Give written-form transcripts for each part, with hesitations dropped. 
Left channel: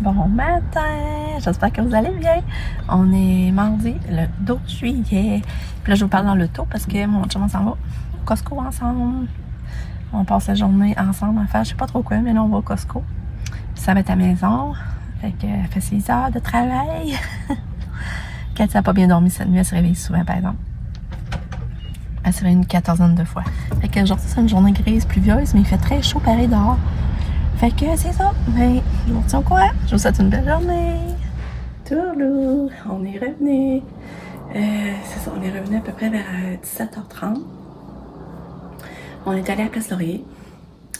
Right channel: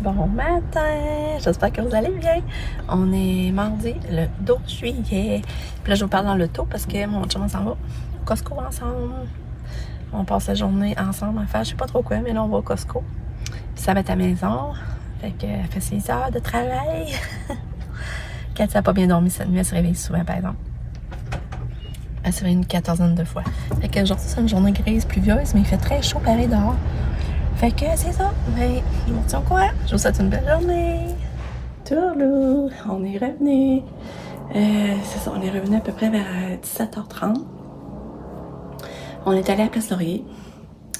Bon matin! J'espère que vous allez bien. On est mardi, le 12 juillet. Puis là, je vous parle dans l'auto parce que mon chum, on s'en va au Costco ensemble. On passe la journée ensemble à faire, je sais pas trop quoi, mais là, on va au Costco. Puis ça va être à la maison. Fait que, elle fait 6 heures de travail. Quand elle n'a pas bien dormi cette nuit, elle se réveille souvent, par exemple. Elle se réveille une quatorzaine de fois. Fait que aujourd'hui, c'est une journée grise, pluvieuse, mais il fait très chaud pareil dehors. Fait que c'est ça. Mais je vous retiens au courant. Je vous souhaite une belle journée. Tourlou, on est revenu. C'est ça, on est revenu à peu près vers 17h30. On est allé à Place Laurier.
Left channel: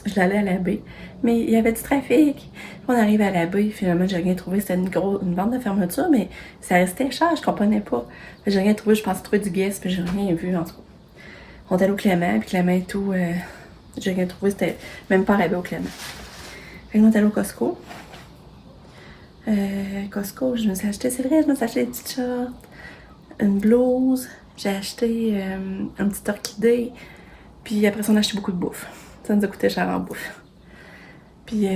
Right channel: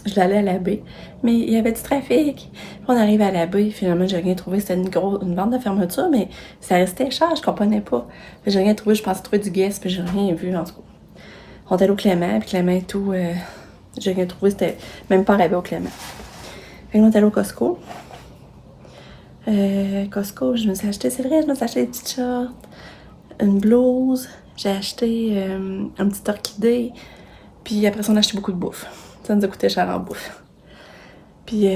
Je l'allais à la baie. Mais il y avait du trafic. On arrive à la baie, finalement, j'ai rien trouvé. C'était une bande de fermeture, mais ça restait cher, je comprenais pas. J'ai rien trouvé, je pensais trouver du guest, puis j'ai rien vu, en tout cas. On est allé au Clément, puis Clément et tout, j'ai rien trouvé, c'était même pas arrivé au Clément. Fait que là, on est allé au Costco. Costco, je me suis acheté, c'est vrai, je me suis acheté des petites shorts, une blouse, j'ai acheté un petit orchidée, puis après ça, on a acheté beaucoup de bouffe. Ça nous a coûté cher en bouffe. Puis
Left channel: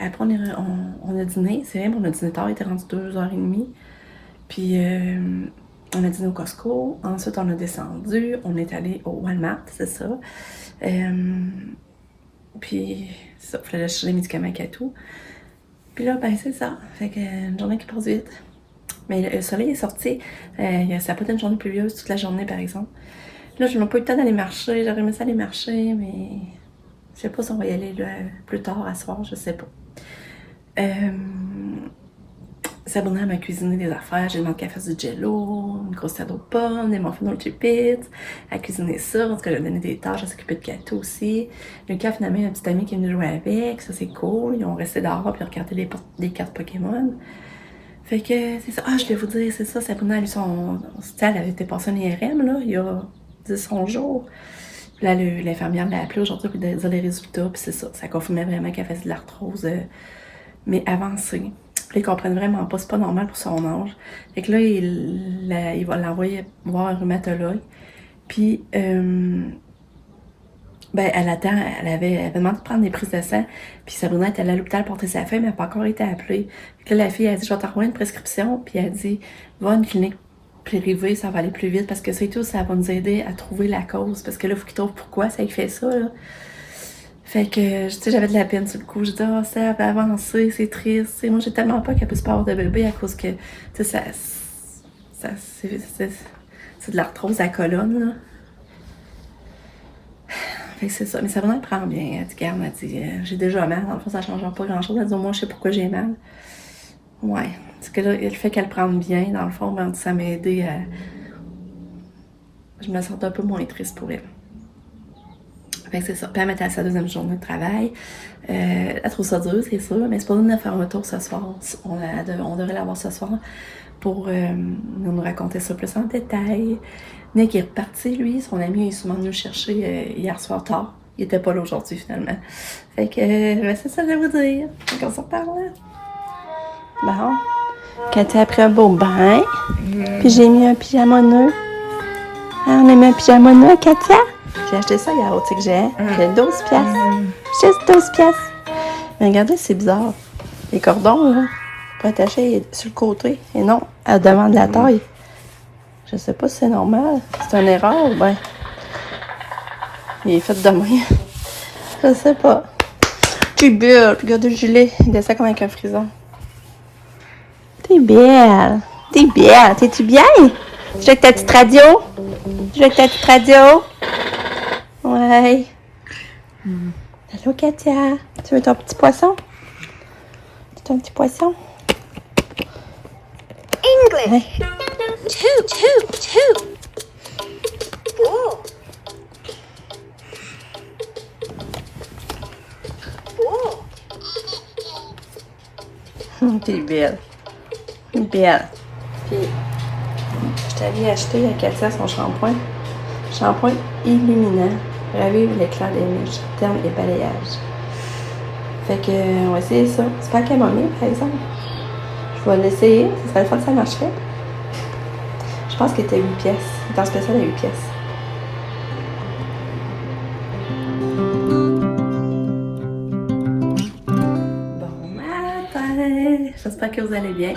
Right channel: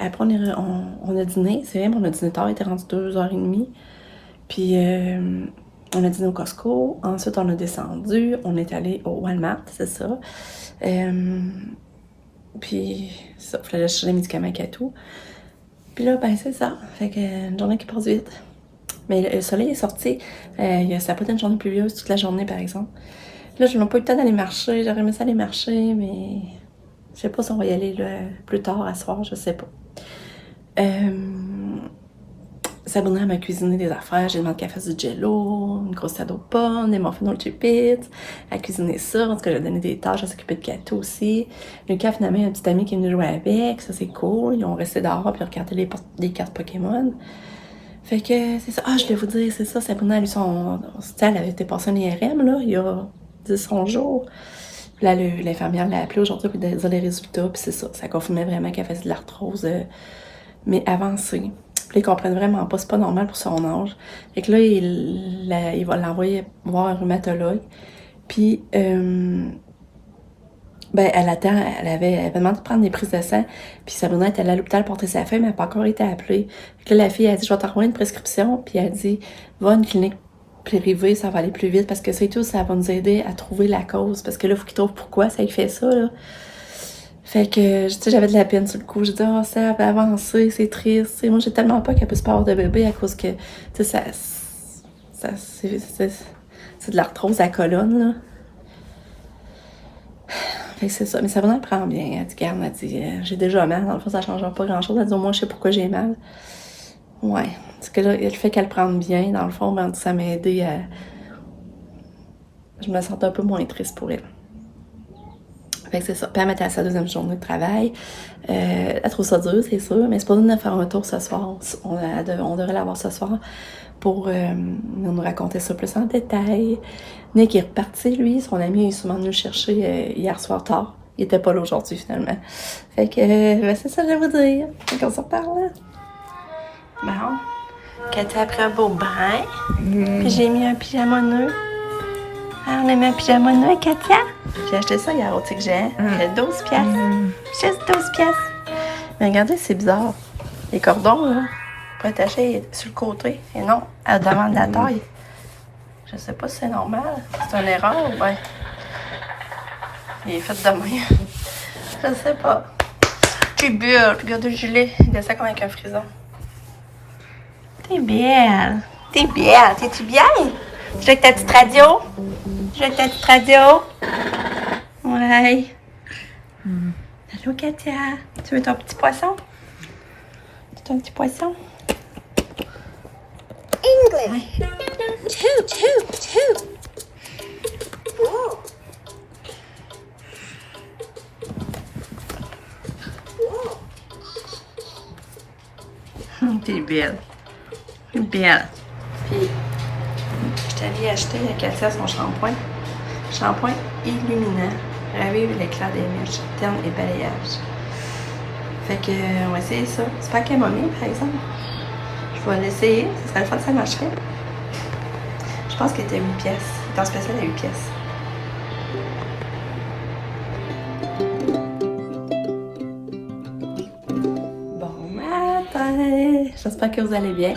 après, on a dîné, c'est vrai, on a dîné tard, il était rendu 2h30. Puis on a dîné au Costco, ensuite on a descendu, on est allé au Walmart, c'est ça. Puis ça, il fallait acheter les médicaments et tout. Puis là, ben c'est ça. Fait que une journée qui passe vite. Mais le soleil est sorti. Ça n'a pas été une journée pluvieuse toute la journée, par exemple. Là, je n'ai pas eu le temps d'aller marcher. J'aurais aimé ça aller marcher, mais je sais pas si on va y aller là, plus tard à soir, je sais pas. Sabrina m'a cuisiné des affaires. J'ai demandé qu'elle fasse du jello, une grosse salade aux pommes, des muffins au chipit. Elle a cuisiné ça. En tout cas, j'ai donné des tâches. Elle s'occupait de gâteaux aussi. Lucas, finalement, il y a un petit ami qui est venu jouer avec. Ça, c'est cool. Ils ont resté dehors puis regarder les cartes Pokémon. Fait que c'est ça. Ah, je voulais vous dire, c'est ça. Sabrina, elle, elle avait été passée en IRM, là, il y a 10-11 jours. Là, l'infirmière l'a appelée aujourd'hui pour dire les résultats. Puis c'est ça. Ça confirmait vraiment qu'elle faisait de l'arthrose, mais avancée. Puis ils comprennent vraiment pas, c'est pas normal pour son âge. Fait que là, il va l'envoyer voir un rhumatologue. Puis, ben, elle attend, elle avait demandé de prendre des prises de sang. Puis Sabrina est allée à l'hôpital porter sa fille, mais elle n'a pas encore été appelée. Fait que là, la fille a dit, je vais t'envoyer une prescription. Puis elle a dit, va à une clinique privée, ça va aller plus vite. Parce que c'est tout, ça va nous aider à trouver la cause. Parce que là, il faut qu'il trouve pourquoi ça lui fait ça, là. Fait que, tu sais, j'avais de la peine sur le coup. Je dis, oh, ça va avancer, c'est triste. T'sais, moi, j'ai tellement peur qu'elle puisse pas avoir de bébé à cause que, tu sais, c'est de l'arthrose à la colonne, là. Fait que c'est ça. Mais ça va, elle prend bien. Elle dit, garde, elle dit, j'ai déjà mal. Dans le fond, ça change pas grand-chose. Elle dit, au moins, je sais pourquoi j'ai mal. Ouais. Parce que là, le fait qu'elle prenne bien, dans le fond, ben, ça m'a aidé à... Je me sens un peu moins triste pour elle. Fait que c'est ça. Puis elle était à sa deuxième journée de travail. Elle trouve ça dur, c'est sûr, mais c'est pas nous de faire un tour ce soir. On devrait l'avoir ce soir pour nous raconter ça plus en détail. Nick est reparti, lui. Son ami est sûrement venu le chercher hier soir tard. Il était pas là aujourd'hui, finalement. Fait que, ben, c'est ça que je vais vous dire. Fait qu'on s'en reparle. Bon. Quand après un beau bain, puis j'ai mis un pyjama nœud. Hein, on a mis un pyjama nœud à Katia. J'ai acheté ça hier au Tic Géant. J'ai 12 piastres. Juste 12 piastres. Mais regardez, c'est bizarre. Les cordons, là, pour attacher sur le côté. Et non, à devant de la taille. Je sais pas si c'est normal. C'est une erreur, ben. Il est fait de même. Je sais pas. T'es belle. Regarde le gilet. Il descend comme avec un frison. T'es belle. T'es belle. T'es-tu bien? Tu joues avec ta petite radio? Tu joues avec ta petite radio? Ouais. Allô, Katia. Tu veux ton petit poisson? Ton petit poisson? English. Ouais. Two. Ooh. Ooh. T'es belle. Belle. Puis, je t'allais acheter à Katia son shampoing. Shampoing illuminant. Ravive l'éclat des mèches, terne et balayage. Fait que, on va essayer ça. C'est pas camomille, par exemple. Je vais l'essayer. Ça serait le fun que ça marcherait. Je pense qu'il était 8 pièces. Il est en spécial à 8 pièces. Bon matin! matin! J'espère que vous allez bien.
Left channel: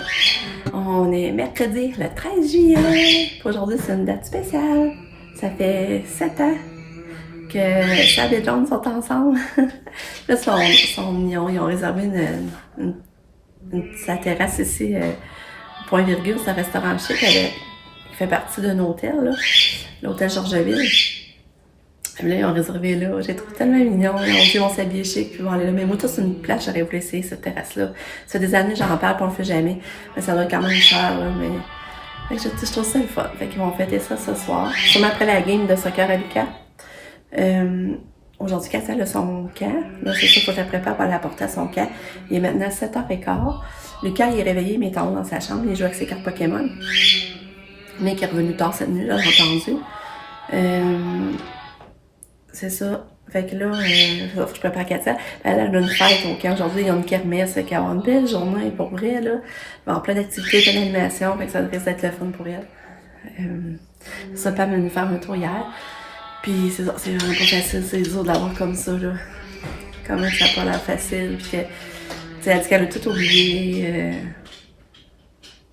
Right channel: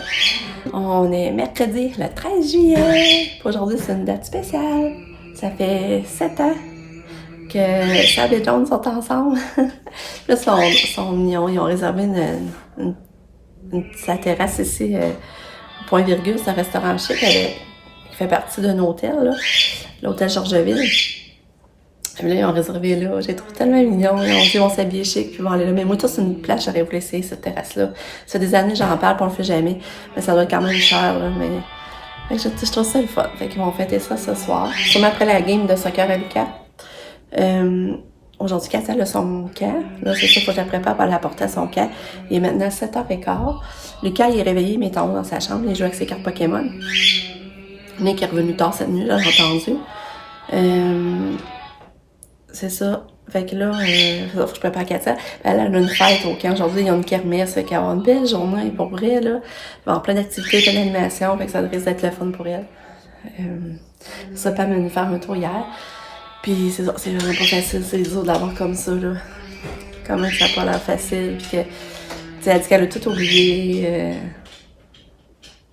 On est mercredi, le 13 juillet. Aujourd'hui, c'est une date spéciale. Ça fait 7 ans que Sab et John sont ensemble. Là, ils ont réservé sa terrasse ici, Point Virgule, c'est un restaurant chic qui fait partie d'un hôtel, là, l'hôtel Georgeville. Et là, ils ont réservé là. J'ai trouvé tellement mignon. Ils ont dit, on s'habille chic, puis ils vont aller là. Mais moi, tout, c'est une place, j'aurais voulu essayer cette terrasse-là. Ça fait des années, j'en parle, puis on le fait jamais. Mais ça doit être quand même cher, là. Mais je trouve ça le fun. Fait qu'ils vont fêter ça ce soir. Sûrement après la game de soccer à Lucas. Aujourd'hui, Cassia a son camp. Là, c'est ça, faut que je la prépare pour aller la porter à son camp. Il est maintenant 7h15. Lucas, il est réveillé, mais il est en haut dans sa chambre. Il joue avec ses cartes Pokémon. Nick est revenu tard cette nuit, là, j'ai entendu. C'est ça. Fait que là, faut que je prépare Katia. Elle a une fête au camp aujourd'hui. Il y a une kermesse. Fait qu'elle va avoir une belle journée pour vrai, là. Il va y avoir plein d'activités, plein d'animations. Fait que ça risque d'être le fun pour elle. Ça, Pam est venue faire un tour hier. Puis c'est ça, c'est vraiment pas facile, c'est dur d'avoir comme ça, là. Quand même, ça n'a pas l'air facile. Puis elle dit qu'elle a tout oublié.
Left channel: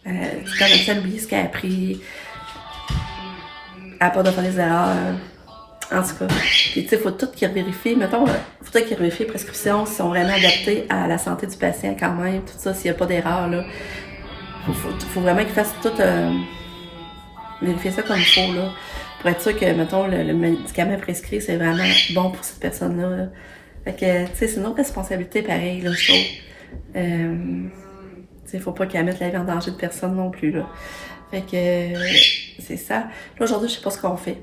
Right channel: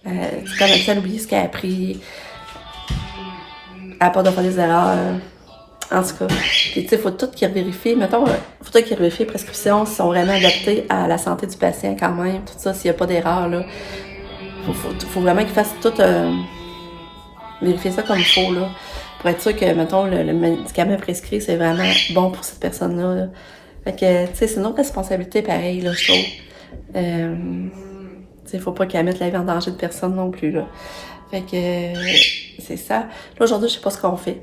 Quand elle a oublié ce qu'elle a appris. Elle n'a pas de faire des erreurs. En tout cas, puis tu sais, faut tout qu'ils vérifient. Mettons, faut tout qu'ils vérifient les prescriptions s'ils sont vraiment adaptées à la santé du patient quand même. Tout ça, s'il n'y a pas d'erreur, là. Faut vraiment qu'ils fassent tout, vérifier ça comme il faut, là. Pour être sûr que, mettons, le médicament prescrit, c'est vraiment bon pour cette personne-là, là. Fait que, tu sais, c'est notre responsabilité pareil, là, je trouve. Tu sais, faut pas qu'elle mette la vie en danger de personne non plus, là. Fait que, c'est ça. Là, aujourd'hui, je sais pas ce qu'on fait.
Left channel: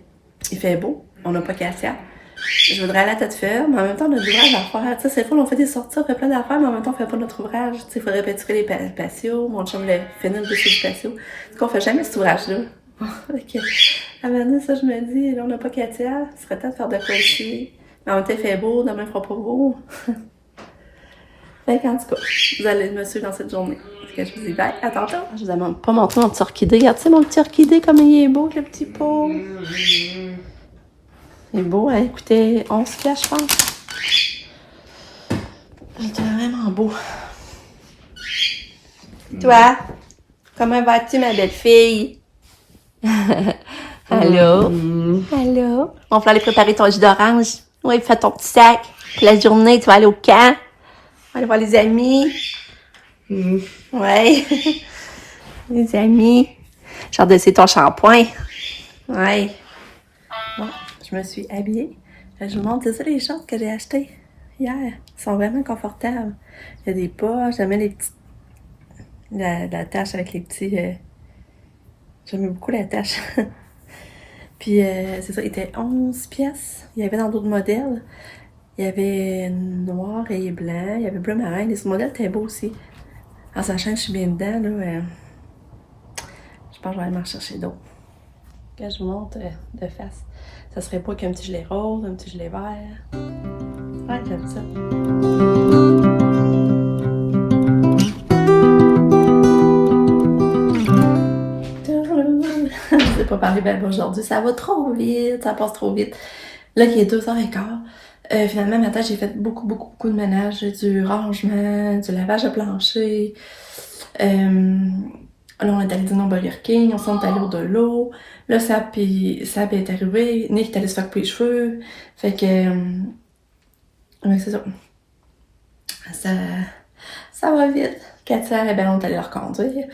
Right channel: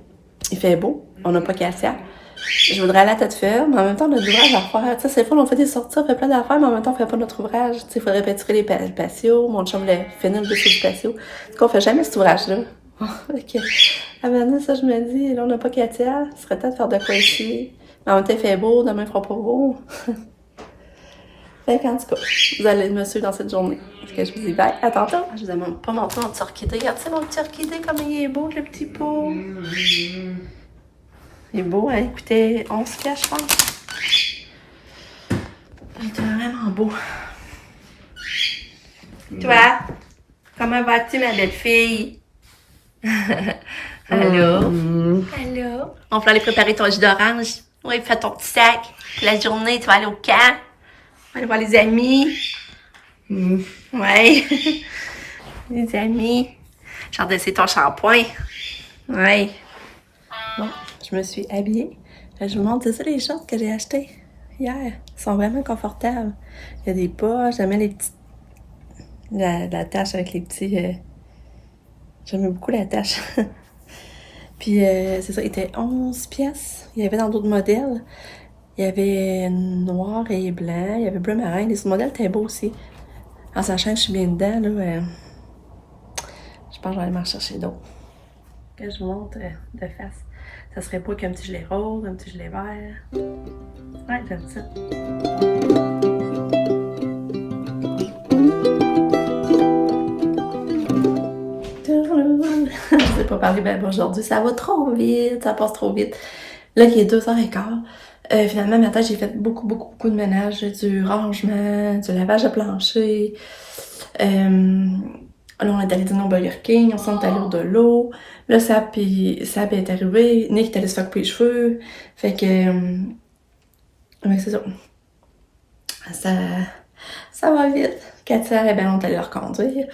Il fait beau, on n'a pas Katia. Je voudrais aller à tête ferme, mais en même temps, on a de l'ouvrage à faire. Tu sais, c'est fun, on fait des sorties, on fait plein d'affaires, mais en même temps, on fait pas notre ouvrage. Tu sais, il faudrait pétrir les patios, mon chum voulait finir le dossier du patio. Du coup, on fait jamais cet ouvrage-là. Ok. À maintenant, ça, je me dis, là, on n'a pas Katia, ce serait temps de faire de quoi ici. Mais en même temps, il fait beau, demain, il fera pas beau. Fait qu'en tout cas, vous allez me suivre dans cette journée. Fait que je vous dis bye, à tantôt. Je vous ai même pas montré mon petit orchidée. Regarde-tu mon petit orchidée, comme il est beau, le petit pot. Il est beau, hein? Écoutez, 11 piastres, je pense. Il est vraiment beau. Toi, comment vas-tu, ma belle fille? Allô? Allô? On va aller préparer ton jus d'orange. Oui, fais ton petit sac. Puis la journée, tu vas aller au camp. Aller voir les amis. Ouais. Les amis. J'ai hâte d'essayer ton shampoing. Ouais. Bon, je me suis habillée. Je vous montre, c'est ça les shorts que j'ai achetés hier. Ils sont vraiment confortables. Il y a des poches, j'aimais les petites... La tache avec les petits... J'aimais beaucoup la tache. Puis, c'est ça, il était 11 pièces. Il y avait dans d'autres modèles. Il y avait noir et blanc. Il y avait bleu marin. Les autres modèles étaient beaux aussi. En sachant que je suis bien dedans, là, je pense que je vais aller m'en chercher d'autres. Quand je vous montre de face, ça serait pas qu'un petit gilet rose, un petit gilet vert. Ouais, j'aime ça. Je sais pas parler bien aujourd'hui. Ça va trop vite, ça passe trop vite. Là, il est 2h15. Finalement, matin, j'ai fait beaucoup de ménage, du rangement, du lavage de plancher. Là, on est allé dîner au Burger King, on s'est allé au de l'eau. Là, Sab est arrivé, Nick est allé se faire couper les cheveux. Fait que, ouais, c'est ça. Ça va vite. Katia, ben, on est allé leur conduire.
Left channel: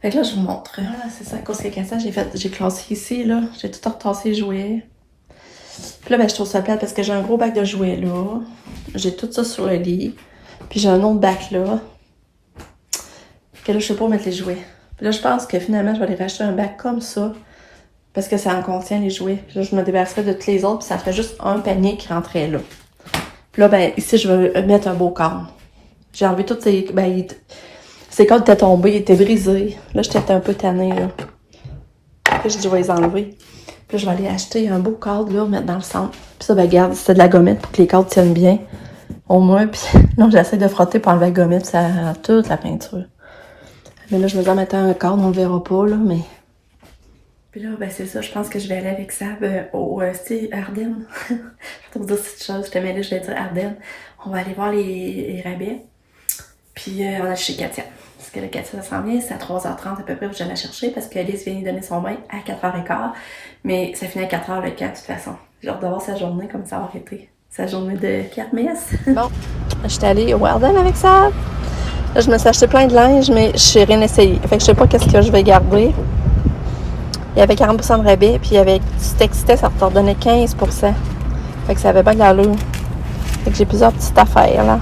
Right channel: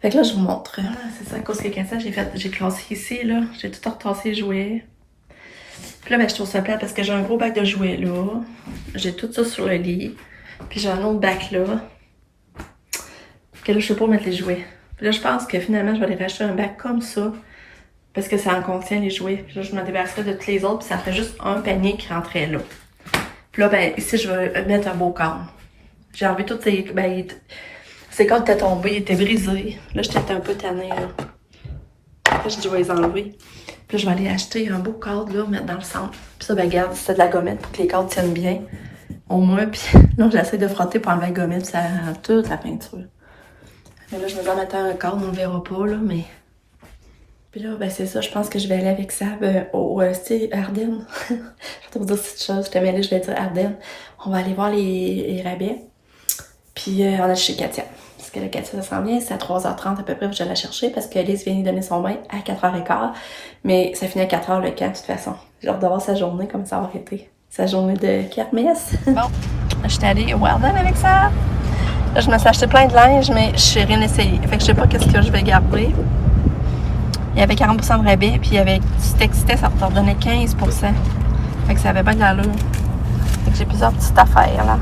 Fait que là, je vous montre. Voilà, c'est ça, à cause que Katia, j'ai classé ici, là. J'ai tout retassé les jouets. Puis là, ben, je trouve ça plate parce que j'ai un gros bac de jouets là. J'ai tout ça sur le lit. Puis j'ai un autre bac là. Que là, je sais pas où mettre les jouets. Puis là, je pense que finalement, je vais aller racheter un bac comme ça. Parce que ça en contient les jouets. Puis là, je me débarrasserai de tous les autres. Puis ça ferait juste un panier qui rentrait là. Puis là, ben, ici, je vais mettre un beau cadre. J'ai enlevé toutes ces... Ben, ces cadres étaient tombés, ils étaient brisés. Là, j'étais un peu tannée, là. Là, j'ai dit, je vais les enlever. Puis là, je vais aller acheter un beau cadre, là, mettre dans le centre. Puis ça, ben, regarde, c'est de la gommette pour que les cadres tiennent bien. Au moins, puis là, j'essaie de frotter pour enlever la gommette, ça a toute la peinture. Mais là, je me dis en mettant un cadre, on le verra pas, là, mais... Puis là, ben, c'est ça, je pense que je vais aller avec Sab au style Ardennes. Je vais te dire cette chose, je te mêlée, je vais dire Ardennes. On va aller voir les rabais. Puis on a chez Katia. Parce que là, Katia, ça s'en vient, c'est à 3h30 à peu près que je vais la chercher parce que Alice vient lui donner son bain à 4h15. Mais ça finit à 4h le camp, de toute façon. J'ai hâte de voir sa journée, comme ça va été. Sa journée de kermesse. Bon, j'étais allée au Warden avec ça. Là, je me suis acheté plein de linge, mais je n'ai rien essayé. Fait que je sais pas qu'est-ce que je vais garder. Il y avait 40% de rabais, puis avec si tu t'excitais, ça te redonnait 15%. Fait que ça avait bien de l'allure. Fait que j'ai plusieurs petites affaires, là.